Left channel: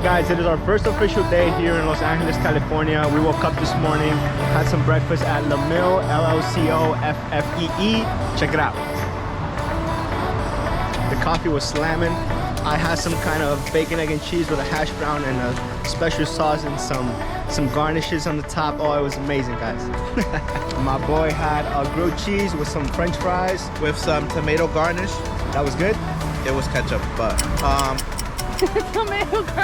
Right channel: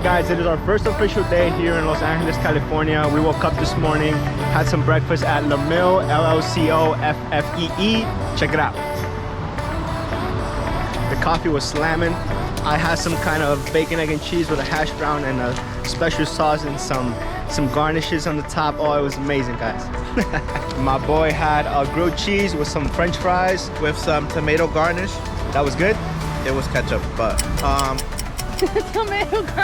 Alright guys, it is our first official day here in Los Angeles, California. We woke up this morning, had some breakfast at La Mille, L-L-C-O-F-F-E-E. Check it out. The coffee was slamming. I had some kind of bacon, egg, and cheese with a hash brown and a special sauce and some garnishes on the top. Oh, it was amazing, guys. My boy had a grilled cheese with some French fries with some tomato garnish. That was good. It was ketchup, but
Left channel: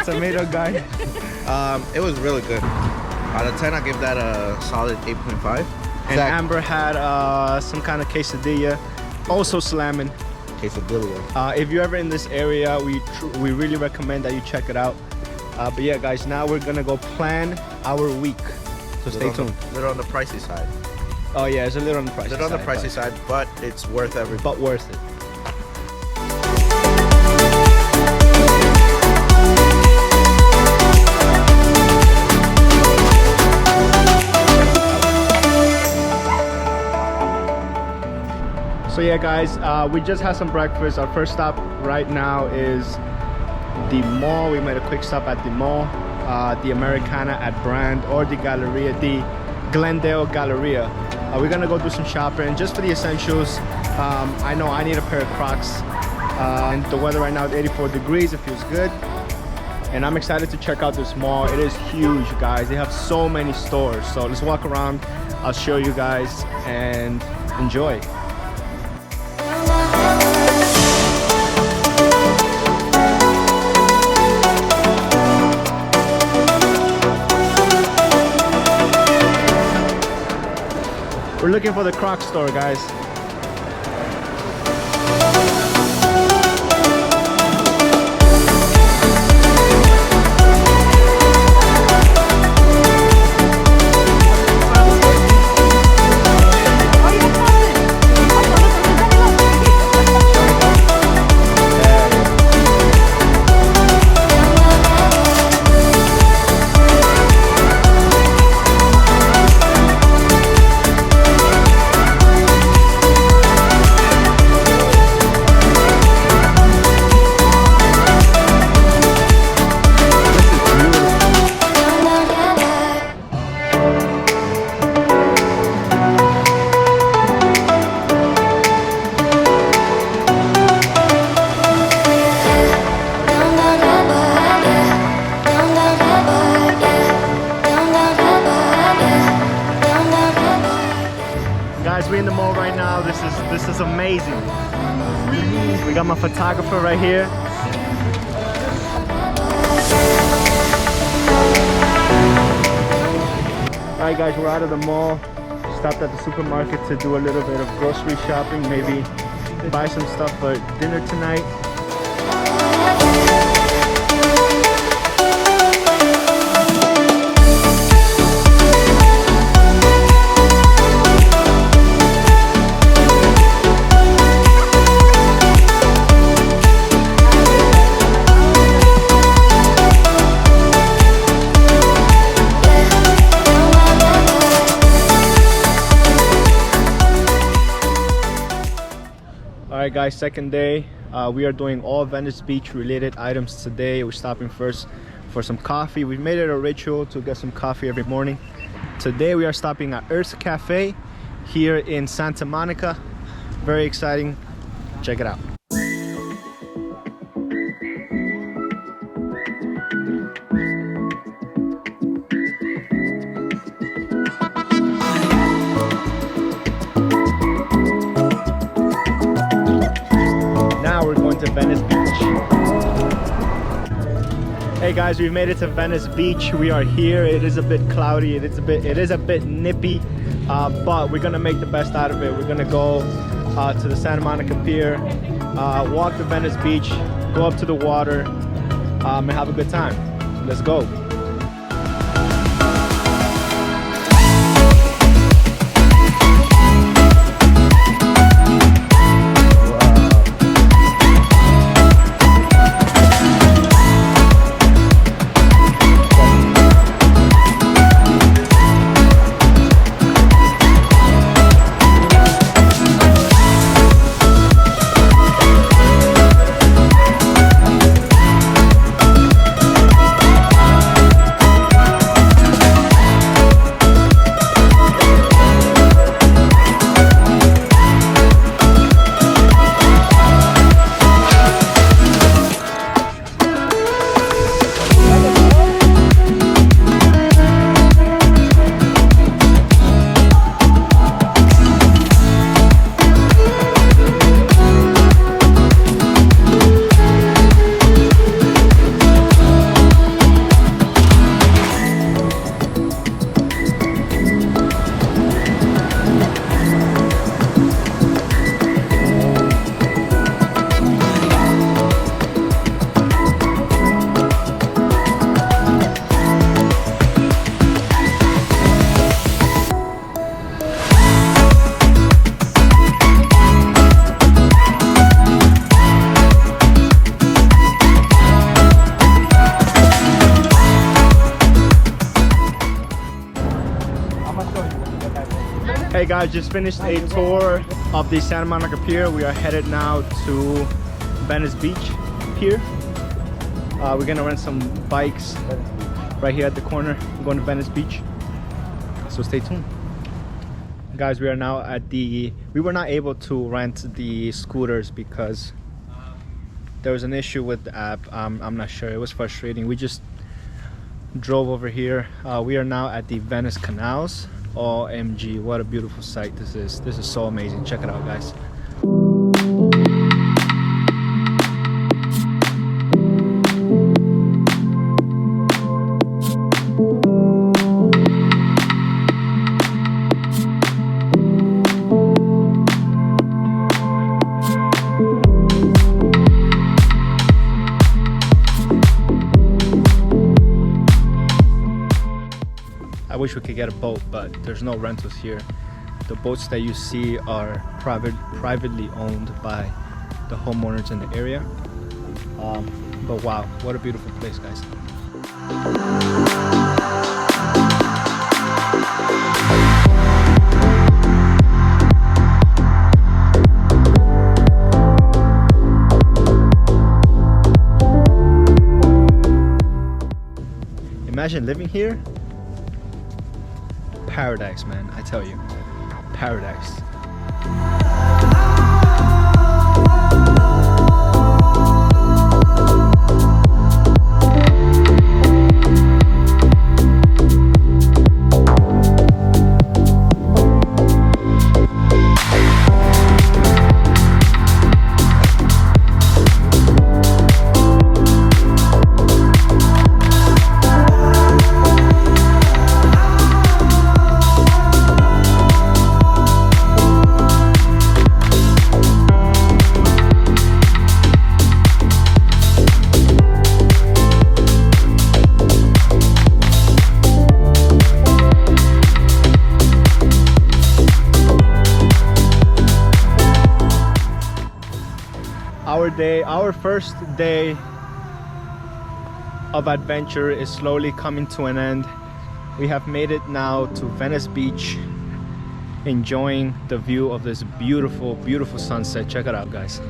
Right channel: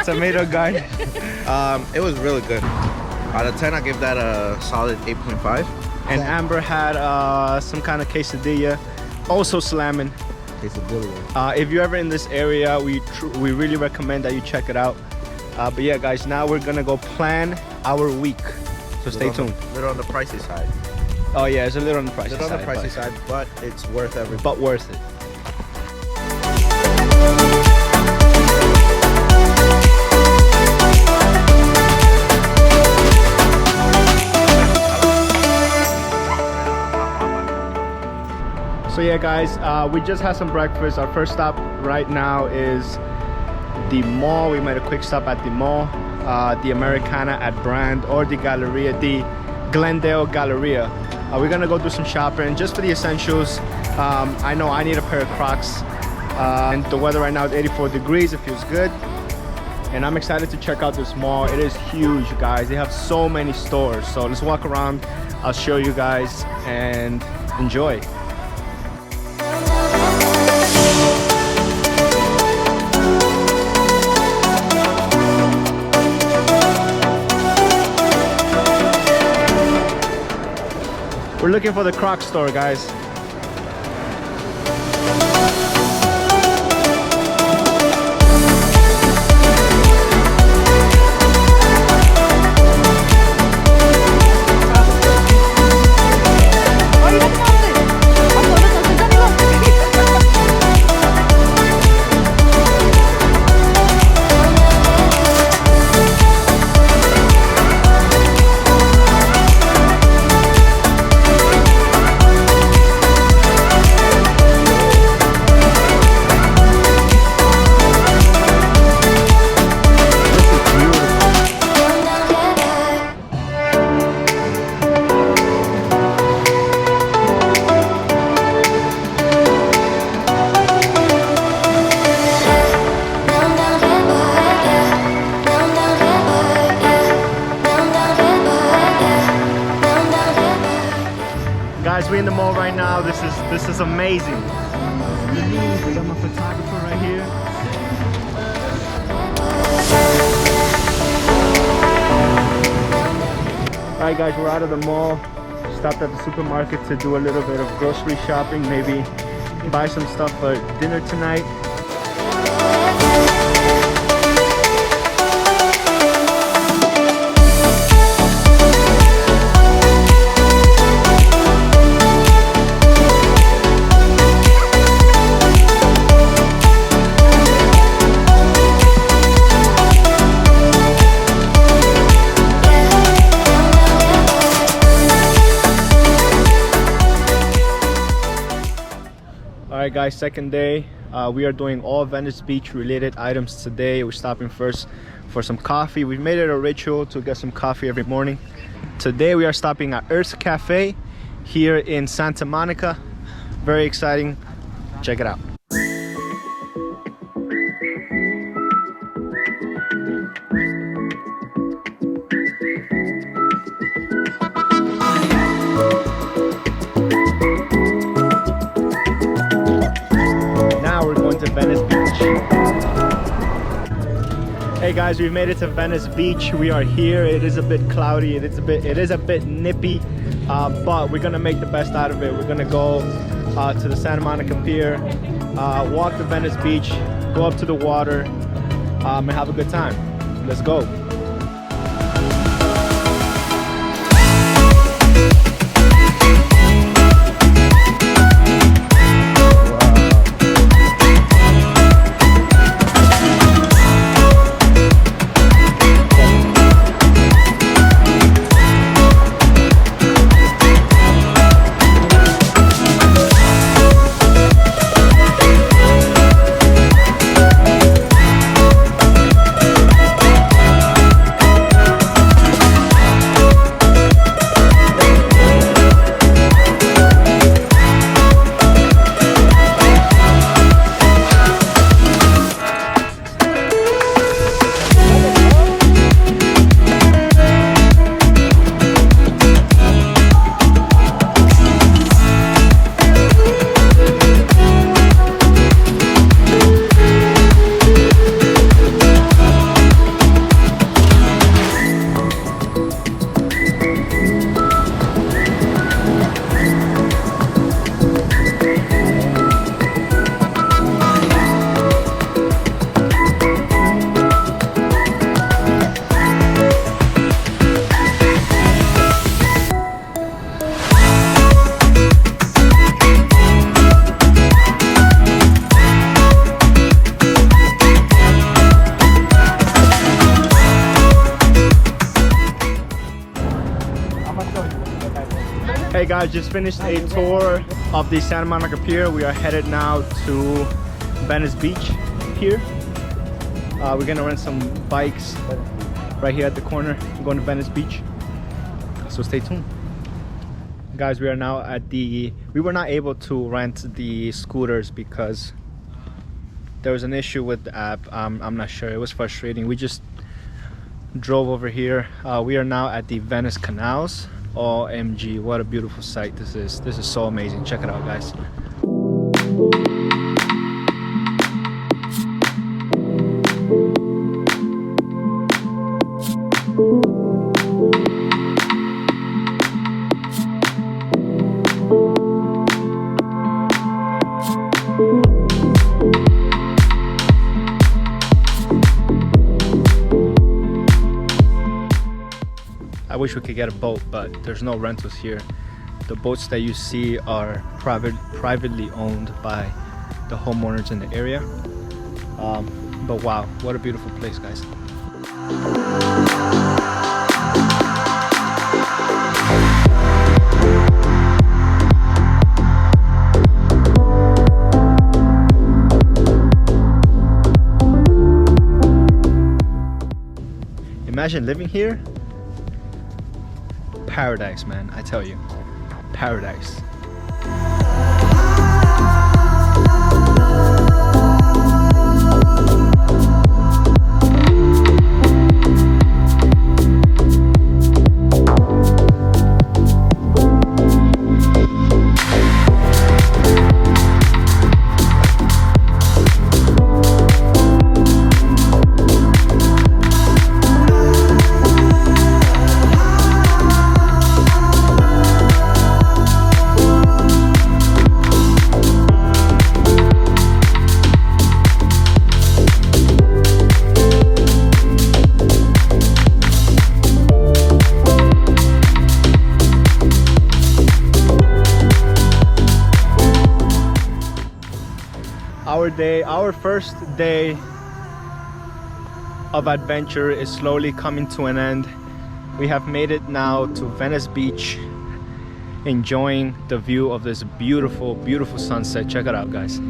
tomato garnish. It was really good. Out of 10, I give that a solid 8.5. And Amber had some kind of quesadilla, also slamming. Quesadilla. If you're ever in this area, we really recommend that you check it out. But yeah, guys, now we're gonna go plan our week. So stay tuned. A little on the pricey side. Oh yeah, it's a little on the pricey side. A little on the pricey side, but it's worth every. But worth it. So yeah guys, we just had some breakfast. Our first stop right now is the mall. We made a quick stop at the mall, the Americana at Brand, or the Galleria, the Glendale Galleria. We're gonna go do some shopping just for the essentials. I know I need a pair of Crocs, and the weather right now is 84 degrees. It feels good, and I'm excited to check out this mall. It is huge, guys. They have so many stores. So let's walk around. I'll show you guys and enjoy. We're looking for the Crocs store, guys. Guys, we're in the mall right now. This is amazing. We got my photographer right here. Alright guys, we're out of the mall. Stopped at the supermarket to do a little bit of grocery shopping, maybe buy some stuff for dinner tonight. Alright guys, second day. We are doing all Venice Beach related items today. We're stopping first for some coffee. We've made it a ritual to get some coffee every morning. Today we are stopping at Earth's Cafe here in Santa Monica. Very exciting. Check it out. We're going to Venice Beach. Hey guys, we've made it to Venice Beach. We are here. It is a bit cloudy. It is a bit nippy, but we're gonna make the best out of it. We're gonna go to the Santa Monica Pier, walk to Venice Beach, go up to the water, and have a good time. Let's go. Hey guys, just finished a tour of the Santa Monica Pier. We are headed now to Venice Beach Pier. We're gonna rent some bikes right here at the corner. I'm going to Venice Beach, so stay tuned. Guys, we are now at the, we were not able to rent the scooters because there was an issue with the app. I'm not sure, it was frustrating. We just drove over here. We are now at the Venice Canals. OMG, what a beautiful sight this is. This is so amazing. Check it out, guys. I wish we could get a boat, but there's no rentals here. The boats that you see are privately owned by the homeowners in the area. But wow, what a beautiful place, guys. Imagine living here. Paradise, man, I tell you, paradise. Our first day of adventure is slowly coming to an end. We have made it now to Venice Beach, enjoying the view of this beautiful, beautiful sunset. Check it out, guys.